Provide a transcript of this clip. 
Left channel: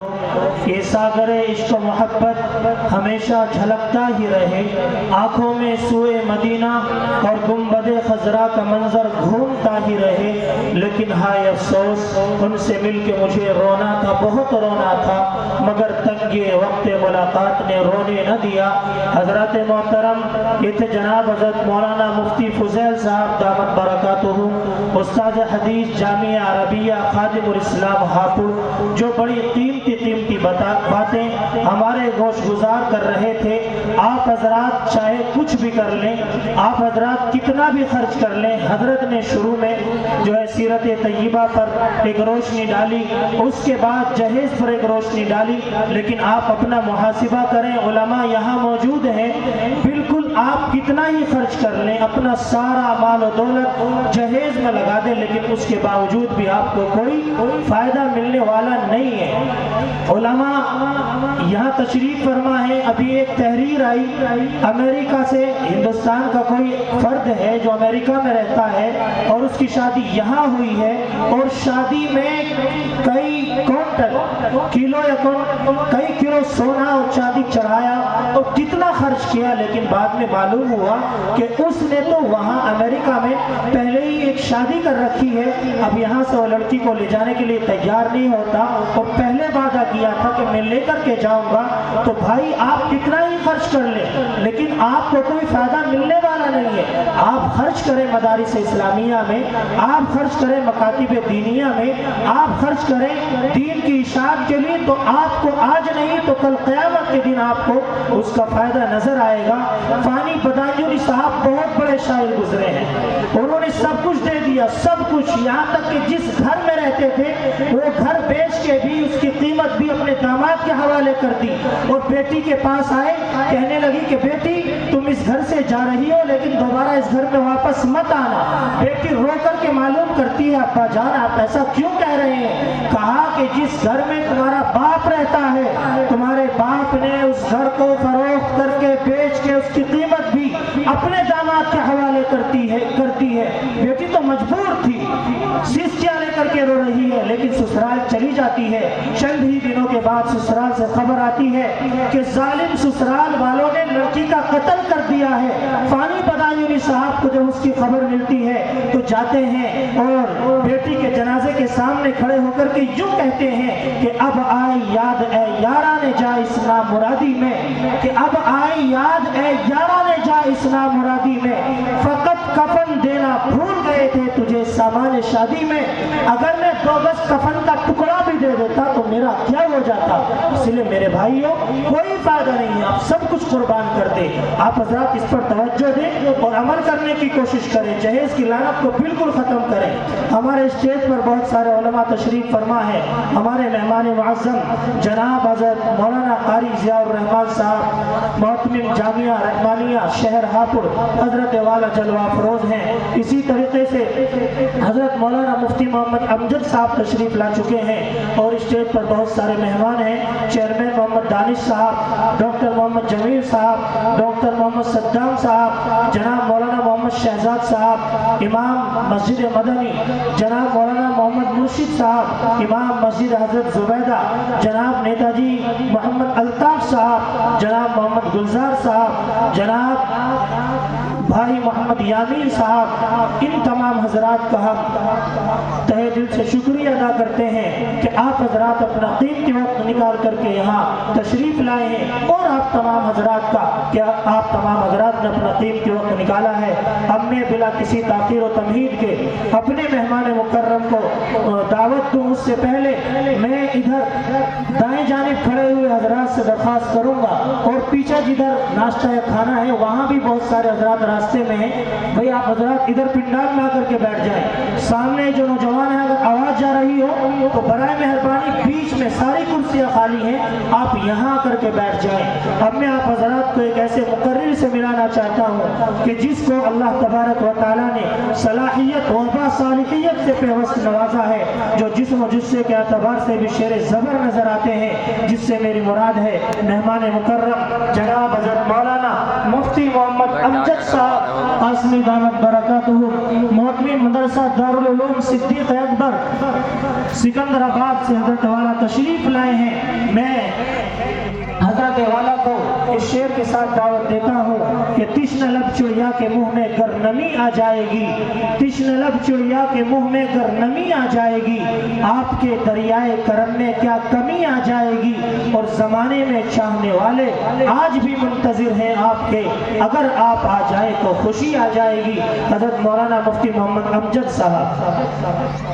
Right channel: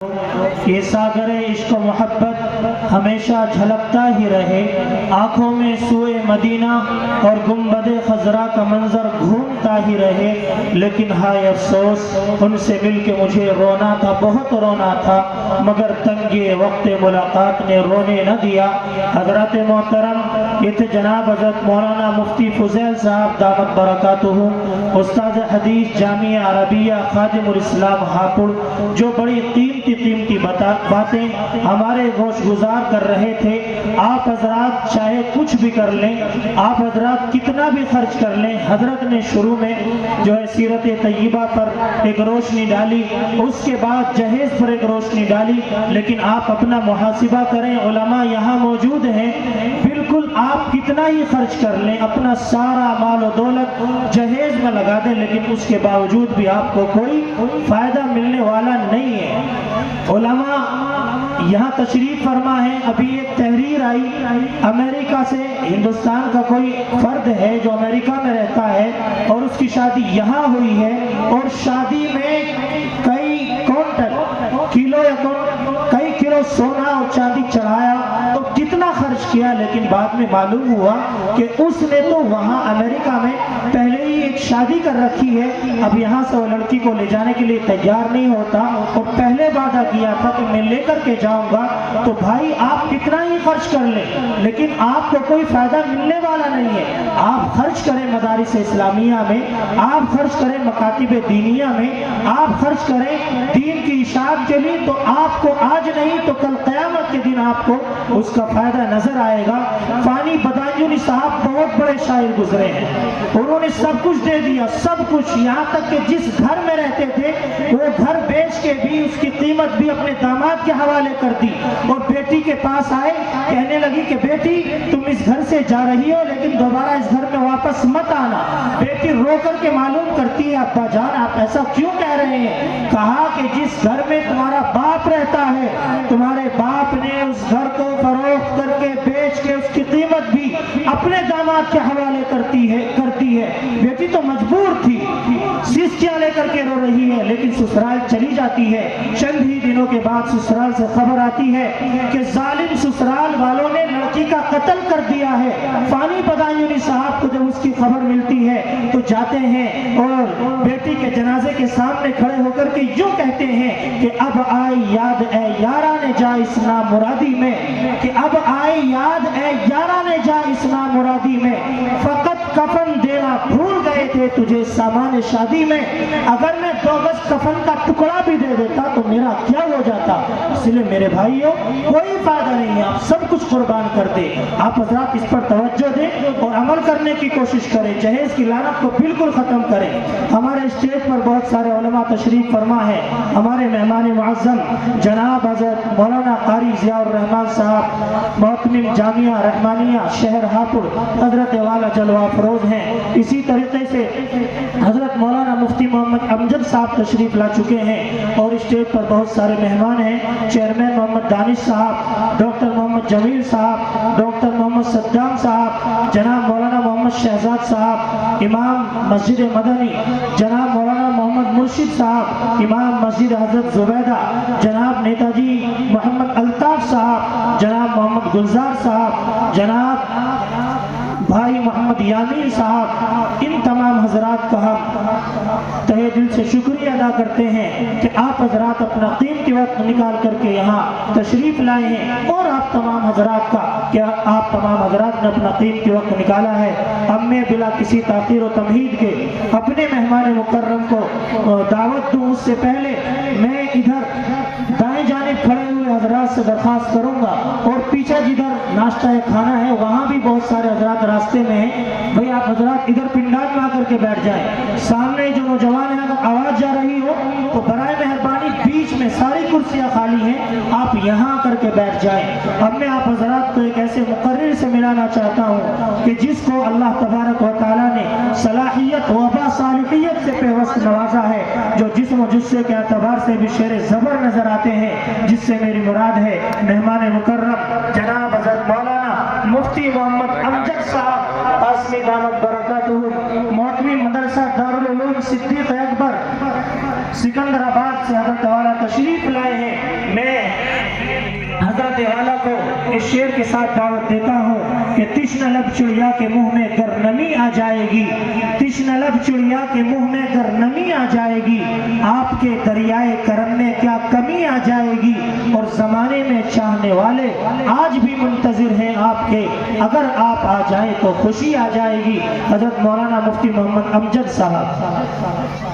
یہ ساگر عشق و محبت ہمیشہ جھلکتا ہی رہے، آنکھوں میں سوئے مدینہ اور گنبد خضرا کا منظر گھومتا ہی رہے، لیکن ہائے افسوس ان سے مل کے مجھے رونا تھا، بہت رونا تھا، مگر تنگی وقت ملاقات نے رونے نہ دیا۔ حضرت محترم یہ تھے جناب حضرت مولانا مفتی فضیل صاحب دامت برکاتہ، استاد حدیث جامعہ عربیہ خادم الاسلام ہاپوڑ، جو بڑی قیمتی باتیں ہمارے گوش گزار کر رہے تھے۔ آپ حضرات چاہے کچھ بھی کر لیں، آپ حضرات کتنا بھی خرچ کر لیں، حضرت نے شروع میں جو ہے سیرت طیبہ پر ایک روشنی ڈالی، اس کے بعد جہیز پر ایک روشنی ڈالی، لیکن آپ اپنا محاسبہ کریں، علماء یہاں موجود ہیں، بالکل آپ کتنا ہی خرچ کر لیں، اپنا سارا مال و دولت جہیز میں لگا دیں، لیکن اس کے باوجود بھی آپ کو کوئی فائدہ ملنے والا نہیں ہے۔ علماء یہاں تشریف فرما ہے، ابھی ایک تحریر آئی امریکہ سے، ہندوستان کا کوئی فرد ہے جو امریکہ میں رہتا ہے اور اس کی شادی یہاں ہوئی ہے، اور شادی میں کئی کلو سونا اور چاندی چڑھایا اور کتنا خرچ کیا، لیکن بعد میں معلوم ہوا کہ اس نے تو وہاں امریکہ میں پہلے ہی ایک شادی کر رکھی ہے، اب یہاں سے وہ لڑکی کو لے جانے کے لیے تیار نہیں ہوتا، اور پہلے وعدہ کیا تھا کہ میں لے کر کے جاؤں گا۔ تو بھائی آپ کتنا ہی خرچ کر لیں، لیکن آپ کو کوئی فائدہ ملنے والا نہیں ہے۔ آپ خرچ کریں مدارس اسلامیہ میں، آپ خرچ کریں مکاتب دینیہ میں، آپ خرچ کریں دین کی اشاعت کے لیے، تو آپ کو آج نہیں تو کل قیامت کے دن آپ کو اس کا فائدہ نظر آئے گا۔ فانی بدایونی صاحب بہت بڑے شاعر گزرے ہیں، انہوں نے سب کچھ دے دیا، سب کچھ، یہاں تک کہ جس گھر میں رہتے تھے وہ گھر بیچ کے بھی اس کی قیمت بھی اپنے داماد کے حوالے کر دی، اور بیٹی کے پاس آئے، کہنے لگی کہ بیٹی تم اس گھر سے جا رہی ہو لیکن دوبارہ اس گھر میں واپس مت آنا۔ بیٹی رو کر کے معلوم کرتی ہے ابا جان آپ ایسا کیوں کہہ رہے ہیں؟ کہا کہ جس گھر میں تمہارا باپ رہتا ہے، تمہارے باپ نے اس گھر کو فروخت کر کے بیچ کے اس کی قیمت بھی اپنے داماد کے حوالے کرتی ہے۔ بیٹی تو مجبور تھی، سیسکیاں لے کر کے رو رہی ہے، لیکن سسرال چلی جاتی ہے۔ چند ہی دنوں کے بعد سسرال سے خبر آتی ہے کہ ظالم سسرال والوں نے لڑکی کا قتل کر دیا ہے۔ فانی بدایونی صاحب کو جب اس کی خبر ملتی ہے تو جاتے ہیں اور بیٹی کے جنازے کے سامنے کھڑے ہو کر کے یوں کہتے ہیں کہ اب آئی یاد اے یاران جا اس نامرادی میں، کہ اب آئی یاد اے یاران جا اس نامرادی میں، فقط کفن دینا بھول گئے تھے تجھے سامان شادی میں، اگر میں 2 گز کفن کا ٹکڑا بھی دے دیتا تو میرا کیا ہو جاتا۔ اس لیے میرے بھائیوں کوئی فائدہ نہیں ہے، آپ سب کچھ قربان کر دیں، آپ حضرات اس پر توجہ دیں اور عمل کرنے کی کوشش کریں، جہیز کی لعنت کو بالکل ختم کریں۔ ہمارے اسٹیج پر بہت سارے علماء تشریف فرما ہے، ہمارے مہمان معظم جناب حضرت مولانا قاری ضیاء الرحمن صاحب محتمم جامعہ رحمانیہ شہر ہاپوڑ حضرت والا جلوہ افروز ہیں، اسی طریقے سے حضرت مولانا مفتی محمد امجد صاحب تشریف لا چکے ہیں، اور اسٹیج پر بہت سارے مہمان ہیں، چیئرمین محمد دانش صاحب، ڈاکٹر محمد جمیل صاحب، ڈاکٹر محمد صدام صاحب، جناب مولانا محمد شہزاد صاحب امام مسجد مدنی، جناب مولانا محمد مرشد صاحب امام مسجد حضرت زبیدہ، جناب نیتا جی محمد الطاف صاحب، جناب محمد گلزار صاحب، جناب بھائی محمد یامین صاحب، ان تمام حضرات کا ہم تہہ دل سے شکریہ ادا کرتے ہیں کہ آپ حضرات اپنا قیمتی وقت نکال کر کے یہاں تشریف لائے ہیں، اور آپ تمام حضرات کا کیا آپ تمام حضرات نے اپنا قیمتی وقت نکالا ہے۔ اب میں بلا کسی تاخیر و تمہید کے اپنے مہمان مکرم کو دعوت دوں، اس سے پہلے میں ادھر دائیں جانب کھڑے ہوئے حضرات سے درخواست کروں گا، اور پیچھے جدھر ناشتہ کھانا ہے وہاں بھی بہت سارے حضرات راستے میں ہیں، بھئی آپ حضرات ادھر پنڈال میں آ کر کے بیٹھ جائیں۔ سامنے جو نوجوان ہیں اگر آواز جا رہی ہو تو برائے مہربانی بیچ میں ساری کرسیاں خالی ہیں، آپ یہاں کر کے بیٹھ جائیں۔ اب میں آپ حضرات کو ایک ایسے مقرر سے ملانا چاہتا ہوں کہ جس کو اللہ تبارک و تعالیٰ نے صلاحیت و باصالحیت سے پیوست نوازا ہے، جو جسم و جثے کے اعتبار سے بھی شیر زبر نظر آتے ہیں، جس سے میری مراد ہے مہمان مکرم جناب حضرت مولانا مفتی محمد امجد صاحب قاسمی دامت برکاتہ، محتمم مدرسہ دارالعلوم صدیق اکبر سکندر آباد سے حضرت والا تشریف لائے ہیں۔ حضرت والا کو اس شعر کے ساتھ دعوت دیتا ہوں کہ تشنہ لب چڑیا کے منہ میں گر نمی آ جائے گی، تشنہ لب چڑیا کے منہ میں گر نمی آ جائے گی، آپ کے دریائے کرم میں کیا کمی آ جائے گی، اور زمانے میں چاہنے والے آج بھی منتظر ہیں آپ کے، اگر آپ آ جائے تو خوشی آ جائے گی۔ حضرت مولانا مفتی محمد امجد صاحب۔